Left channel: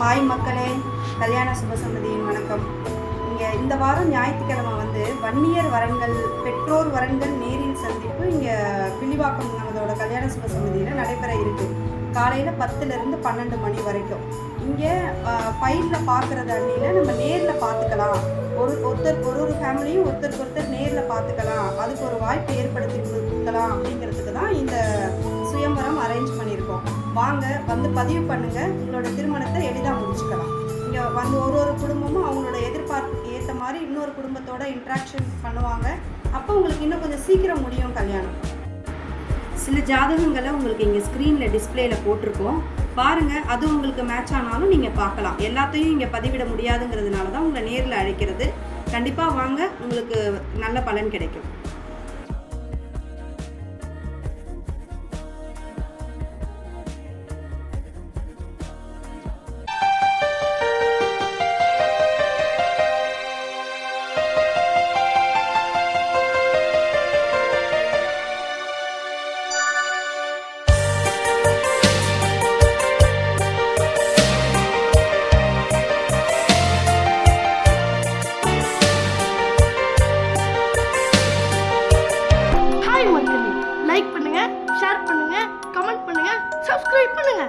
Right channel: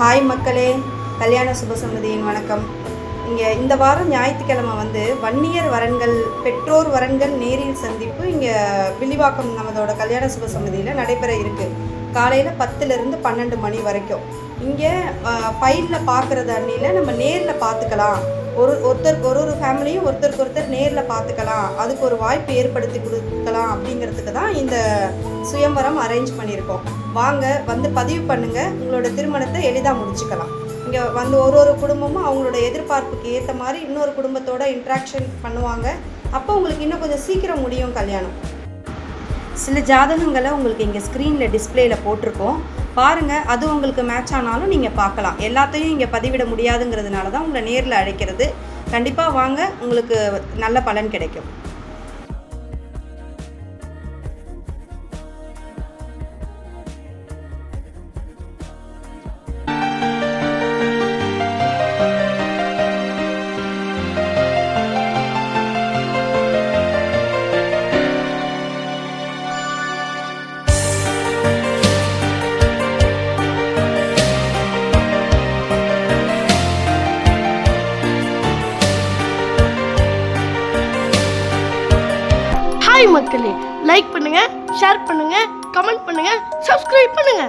Hi மக்களே, கல்யாண சுபசன்னதியின் வணக்கம். இங்கே இந்த வாரம் ஞாயிற்றுக்கிழமை வன்னியர் வரன்கள் பெற்றோர் வரன்கள் நேரில் சந்திப்பு இங்கே வில்லிவாக்கம் நமதோட கல்யாண சுபசன்னதியில் நடைபெற இருக்குது. காலையில் 10லேருந்து 12 மணி வரைக்கும். இங்கே ஃபைலில் பார்க்குறது அன்னியில் நம்ம நேரில் பார்த்துக்கலாம். ஒருத்தருக்கு ஒரு ஃபேமிலியும் ஒருத்தருக்கு ஒருத்தர் நேரில் பார்த்துக்கலாம், அதுக்கு ஒரு வாய்ப்பு ஏற்படுத்தி கொடுக்கலாம் அப்படிங்கிறதுக்கு தான் இந்த சுயம்பரம் அரேஞ்ச் பண்ணியிருக்கோம். வாங்க பதிவு பண்ணுங்கள், உங்களோட திருமணத்தை எளிதாக முடிச்சுக்கலாம். இங்கே ஒரு குடும்பமும் அவங்களோட எதிர்பார்ப்புக்கு ஏற்ற மாதிரி இன்னொரு குடும்பத்தோட இன்ட்ராக்ஷன் பண்ணுவாங்க. அப்போ உங்களுக்கு இன்னும் கொஞ்சம் சீக்கிரம் முடியும் கல்யாணம். சில ஜாதகங்களை உங்களுக்கு இங்கே ஸ்க்ரீனில் டிஸ்பிளேயில் போட்டிருக்கோம், பாருங்கள். அது உங்களுக்கு மேட்ச் ஆனாலும் நீங்கள் பார்க்கலாம். எல்லாத்தையும் இங்கே பதிவிட முடியாதுங்கிறதுனால தான் உங்களை நேரில் அழைக்கிறது. கண்டிப்பாக வாங்க, உங்களுக்கு நல்ல பலன் கிடைக்கும். மக்களே, லைக் பண்ணுங்க, ஷேர் பண்ணுங்க, கமெண்ட் பண்ணுங்க, சப்ஸ்கிரைப் பண்ணுங்க.